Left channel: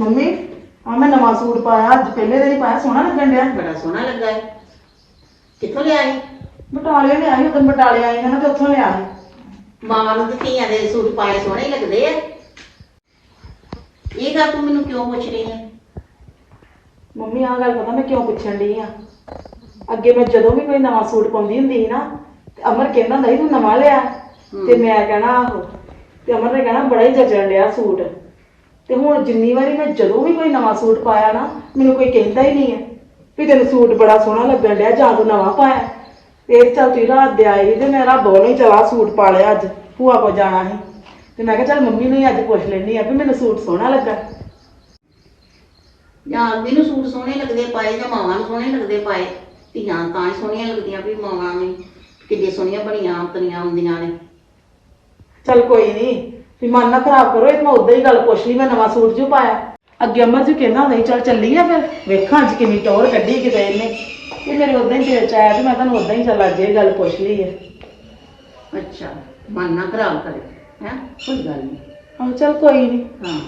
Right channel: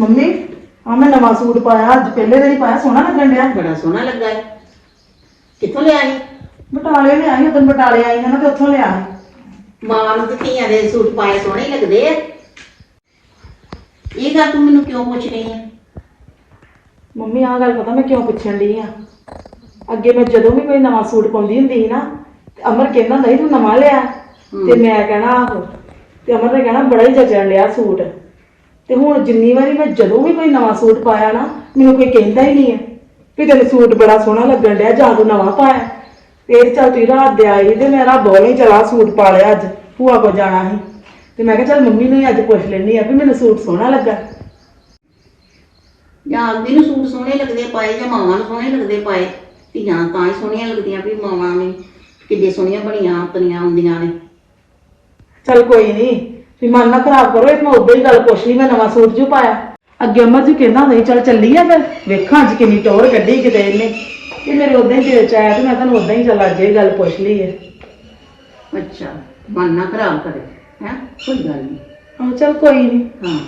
Mummy ਆ ਮੈਂ ਨਵਾਂ ਸੂਟ ਪਾਇਆ ਅੱਜ ਪਹਿਲੇ ਦਿਨ ਹੀ ਪਾਇਆ ਸੋਹਣਾ ਲੱਗਣ ਡਿਆ। ਬੜਾ ਸੋਹਣਾ ਲੱਗਾ ਹੈ ਕਿੱਥੋਂ ਲਿਆਈ ਬਟਾਲੇ ਲਿਆਈ ਉਦੋਂ ਬਟਾਲੇ ਆਈ ਨਾ ਤੇ ਉੱਥੋਂ ਲਿਆ ਮਾਵਾਂ ਨੂੰ ਤੇ ਧੀਆਂ ਦੇ ਸੂਟ ਪਾਏ ਸੋਹਣੇ ਲੱਗਦੇ ਆ। ਇਹ ਗੱਲ ਤੂੰ ਮੈਨੂੰ ਕਿਉਂ ਪੁੱਛ ਰਹੀ ਹੈ ਮੰਮੀ ਆਹ ਗੱਲ ਪਤਾ ਮੈਂ ਕਿਉਂ ਪੁੱਛਣ ਡਈ ਆ? ਅੱਗੇ ਮੈਂ ਜਦੋਂ ਵੀ ਕੋਈ ਨਵਾਂ ਸੂਟ ਪਾਉਂਦੀ ਹੁੰਦੀ ਸੀ ਨਾ ਤੇ ਅਮਰ ਕਹਿੰਦਾ ਨਹੀਂ ਤੂੰ ਨਵਾਂ ਲਿਆ? ਤੇ ਮੈਂ ਕਹਿਣਾ ਆਹੋ ਤੇ ਅਮਰ ਨੇ ਕਹਿਣਾ ਬੜਾ ਹੀ ਜਚਣ ਲਿਆ ਸੂਟ। ਤੇ ਹੁਣ ਜਿੰਨੀ ਵਾਰੀ ਮੈਂ ਜਦੋਂ ਵੀ ਕੋਈ ਨਵਾਂ ਸੂਟ ਪਾਇਆ ਨਾ ਮੈਨੂੰ ਕੋਈ ਕਹਿੰਦਾ ਹੀ ਨਹੀਂ ਹੈ। ਵੀ ਤੈਨੂੰ ਸੂਟ ਬੜਾ ਸੋਹਣਾ ਲੱਗਣ ਡਿਆ ਜਾਂ ਤੂੰ ਨਵਾਂ ਪਾਇਆ। ਫੇਰ ਚੱਲ ਤੂੰ ਰਾਤ ਦੇ ਆਈ ਤੇ ਮੇਰਾ ਬੋਲੇ ਚਲਾ ਸੂਟ ਪਾ ਲਿਆ ਅੱਜ ਭੂਆ ਕੋ ਜਾਣਾ ਸੀ। ਤੇ ਮੈਂ ਕਿਹਾ ਚੱਲ ਮੰਮੀ ਨੂੰ ਹੀ ਅੱਜ ਪੁੱਛ ਲੈਣੀ ਆ ਵੀ ਮੈਨੂੰ ਸੂਟ ਸੋਹਣਾ ਲੱਗਾ। ਜਾਂ ਆਦਮੀ ਨੂੰ ਸੂਟ ਸੋਹਣੇ ਲੱਗਦੇ ਪਾਏ ਜਾਂ ਮਾਵਾਂ ਨੂੰ ਸੋਹਣੇ ਲੱਗਦੇ ਪਾਏ? ਧੀਆਂ ਤਾਂ ਹੀ ਸੋਹਣੀਆਂ ਲੱਗਦੀਆਂ ਵੀ ਮਾਵਾਂ ਨੇ ਕਿੱਡੇ ਸੋਹਣੀਆਂ ਬਣੀਆਂ ਆਪਣੀਆਂ ਹੁੰਦੀਆਂ ਨੇ। ਚੱਲ ਕੋਈ ਨਹੀਂ ਵੀ ਮਨ ਨਾ ਖਰਾਬ ਕਰੋ ਇਹ ਮੈਂ ਉਦਾਂ ਹੀ ਗੱਲ ਪੁੱਛ ਲਈ ਮੈਂ ਨਵਾਂ ਸੂਟ ਜੋ ਪਾਇਆ। ਅੱਗੇ ਅਮਰ ਜੀ ਕਹਿੰਦਾ ਹੁੰਦਾ ਸੀ ਚੱਲ ਚੱਲੀ ਆ ਫਿਰ ਵੇਖਾਂ ਅੱਜ ਕਿੰਨੀ ਟੌਰ ਕੱਢੀ ਕਿਤੇ ਇਹਨੇ। ਇਹ ਮੇਰੇ ਉਦਾਂ ਹੀ ਦਿਲ ਚ ਆਇਆ ਤੇ ਮੈਂ ਤੁਹਾਨੂੰ ਉਦਾਂ ਹੀ ਚੱਲ ਅੱਗੇ ਇਹ ਗੱਲ ਪੁੱਛ ਲਈ ਹੈ ਅੱਛਾ ਮਨ ਨਾ ਖਰਾਬ ਕਰੇ ਹੈ? ਕੋਈ ਗੱਲ ਨਹੀਂ ਆਹੋ ਚੱਲ ਕੋਈ ਨਹੀਂ ਹਾਂ।